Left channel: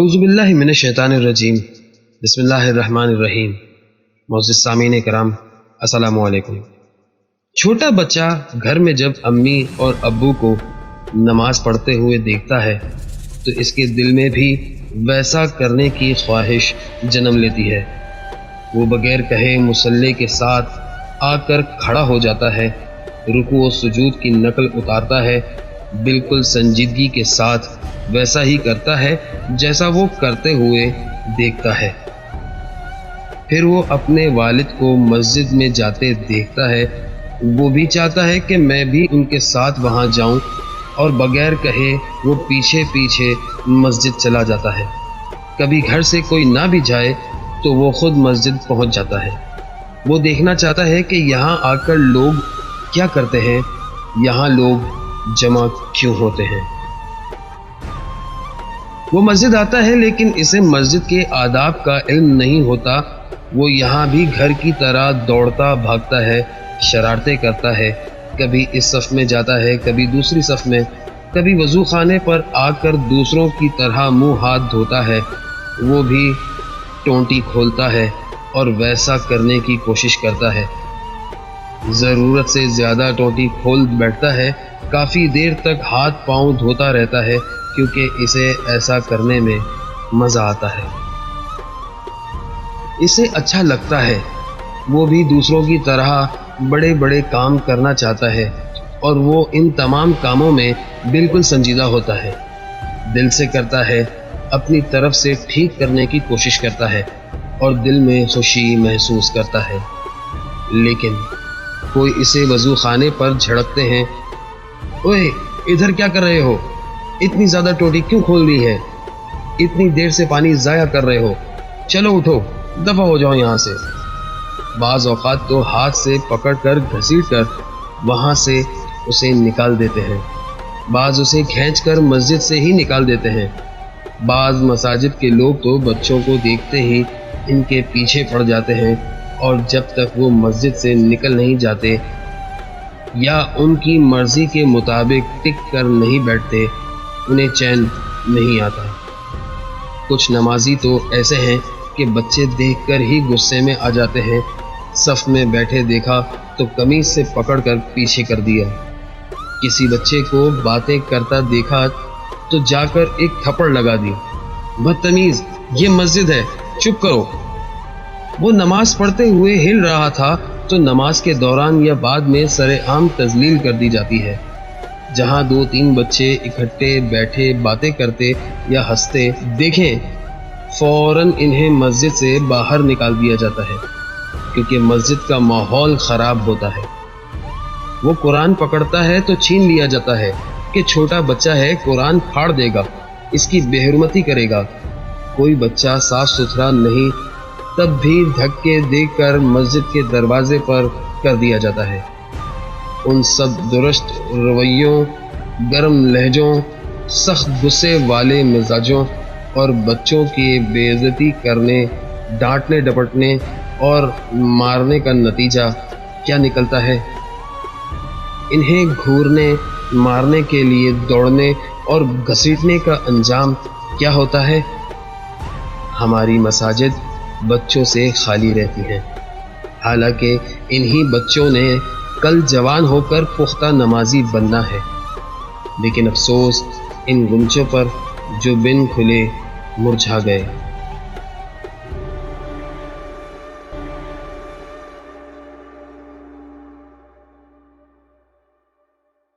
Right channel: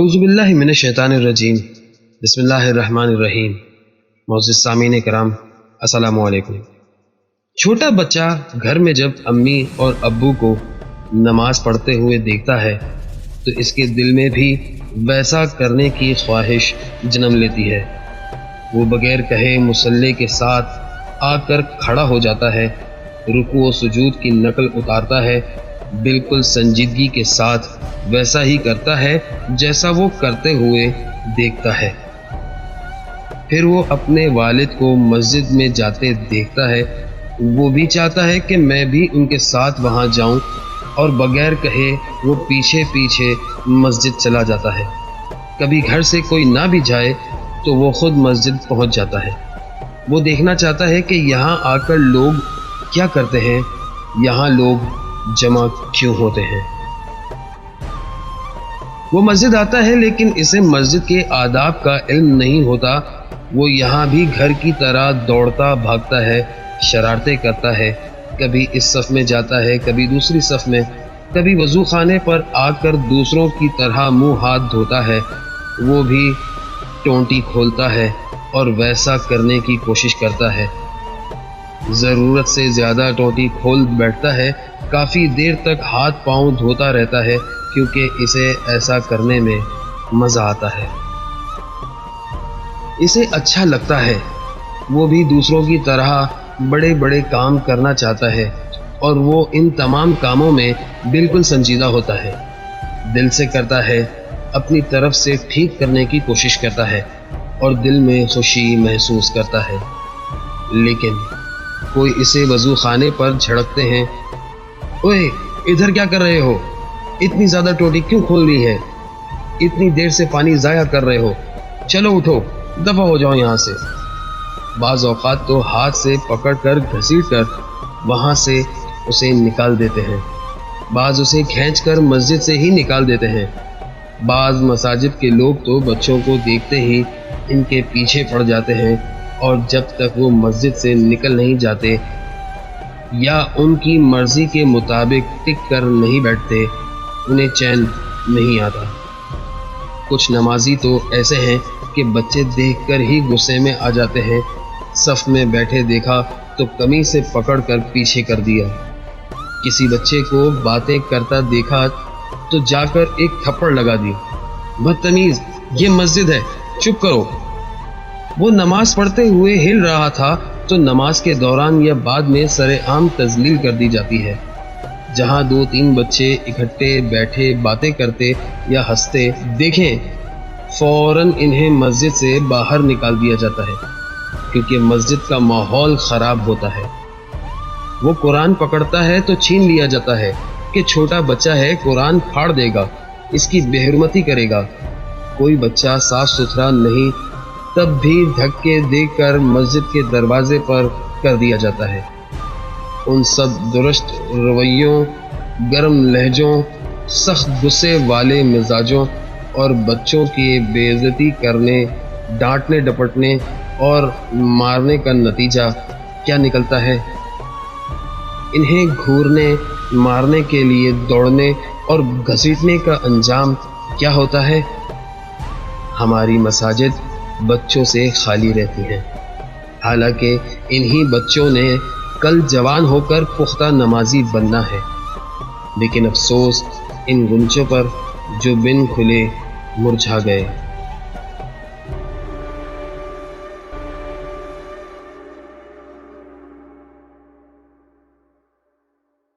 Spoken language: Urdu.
اعوذ باللہ من الشیطان الرجیم بسم اللہ الرحمن الرحیم۔ معزز سامعین کرام السلام علیکم۔ چھوٹا بچہ گھر میں جب امی اور ابو کو نماز پڑھتے ہوئے دیکھتا ہے تو اس کے دل میں بھی ویسا کرنے کی خواہش جنم لیتی ہے۔ وہ بغیر کہے مصلی کے ساتھ آ کر کھڑا ہو جاتا ہے، رکوع و سجود کی نقل اتارتا ہے، بالکل سنجیدگی کے ساتھ ویسا ہی کرتا ہے جیسا وہ کرتے ہوئے دیکھتا ہے۔ پھر وہ اپنے والد کو مسجد میں جاتے دیکھتا ہے، وہ بھی چاہتا ہے کہ میں بھی ان کے ساتھ وہاں جاؤں، اور بغیر کہے وہ پیچھے پیچھے مسجد چلا جاتا ہے۔ کبھی گھر سے کوئی نہ بھی جائے تو وہ خود مسجد پہنچ جاتا ہے۔ وہ دیکھنا چاہتا ہے کہ یہاں آ کر لوگ کیا کرتے ہیں، یہاں لوگ جمع کیوں ہوتے ہیں۔ وہ مسجد آتا ہے لیکن اسے مسجد کے آداب کا علم نہیں ہوتا۔ وہ یہاں بھی گھر کی طرح دوڑتا بھاگتا ہے، شرارتیں کرتا ہے، کبھی اس صف میں جاتا ہے، کبھی دوسری صف میں، کبھی وضو خانے پر آ کر دوسروں کی طرح منہ ہاتھ دھوتا ہے۔ وہ بھی ٹونٹی کھولتا ہے اور ویسا کرنے کی کوشش کرتا ہے، ضرورت سے زیادہ ٹوٹی کھول بیٹھتا ہے، کافی دیر تک ہاتھ پاؤں دھوتا رہتا ہے کیونکہ اسے ایسا کرنے میں مزہ آتا ہے، اسے اچھا لگتا ہے۔ وہ بھی دوسروں کی طرح بڑے بڑے کام کرنا چاہتا ہے اور وہ ان تمام کاموں میں بالکل سنجیدہ ہوتا ہے، دل سے کرتا ہے، اپنی طرف سے ٹھیک کرنے کی کوشش کرتا ہے اور دل میں خوشی محسوس کرتا ہے۔ لیکن کوئی اسے وضو خانے پر جھڑکتے ہیں، اوئے ادھر کیا کر رہے ہو، اتنی زیادہ ٹوٹی کیوں کھول لی ہے، اتنی دیر سے پانی ضائع کر رہے ہو، چلو اٹھو دفع ہو جاؤ یہاں سے۔ بعض اوقات تو ہاتھ سے پکڑ کر گھسیٹ کر وہاں سے اسے نکال دیتے ہیں، بعض اسے کھینچ کر مسجد سے ہی نکال دیتے ہیں۔ بعض مساجد کے لوگ تو بچوں کو دیکھتے ہی ان کے پیچھے پڑ جاتے ہیں، اور جب تک وہ مسجد سے نکل نہیں جاتے یا ان کی مرضی کے مطابق ٹک کر نہیں بیٹھتے انہیں چین نہیں آتا۔ کچھ نمازی تو ایسے ہیں کہ بچے دیکھ کر ہی غصے میں آ جاتے ہیں، صف میں بیٹھے دیکھا تو قمیص سے پکڑ کر پیچھے کر دیا، کسی بچے کو باتیں کرتا دیکھا تو جا کر ایک تھپڑ لگا دی، بدتمیز یہ مسجد ہے چپ کرو۔ وہ نماز پڑھتے ہوئے ہل رہا تھا تو نماز کے دوران یا بعد میں سر عام تذلیل کر دی جاتی ہے۔ جہاں 2-3 بچے اکٹھے بیٹھے باتیں کرتے یا ہنستے دیکھیں، فوراً انہیں مسجد سے باہر نکال دیا جاتا ہے کیونکہ مسجد کا ماحول خراب ہوتا ہے۔ وہ قرآن پکڑتا ہے تو چھین لیا جاتا ہے کہ چھوٹا بچہ ہے، قرآن پھاڑ دے گا، اس کی بے حرمتی کرے گا۔ کوئی بچہ صاف ستھرا نہیں تب بھی دھکے دے کر مسجد کے دروازے پر کر دیا جاتا ہے۔ ان سب درشت رویوں، گرم لہجوں، سخت غصے والے مزاجوں اور بچوں کی بے عزتی کرنے، ڈانٹنے ڈپٹنے اور مارنے کا نتیجہ کیا نکلتا ہے؟ انہیں گھورنے مارنے کے لیے دوڑنے اور گھسیٹنے کا انجام کیا ہوتا ہے؟ ہماری مساجد بچوں سے خالی رہتی ہیں، حالانکہ انہی بچوں نے کل جوان ہو کر پختہ نمازی بننا ہے۔ لیکن افسوس ان گنچوں پر جو بن کھلے مرجھا گئے۔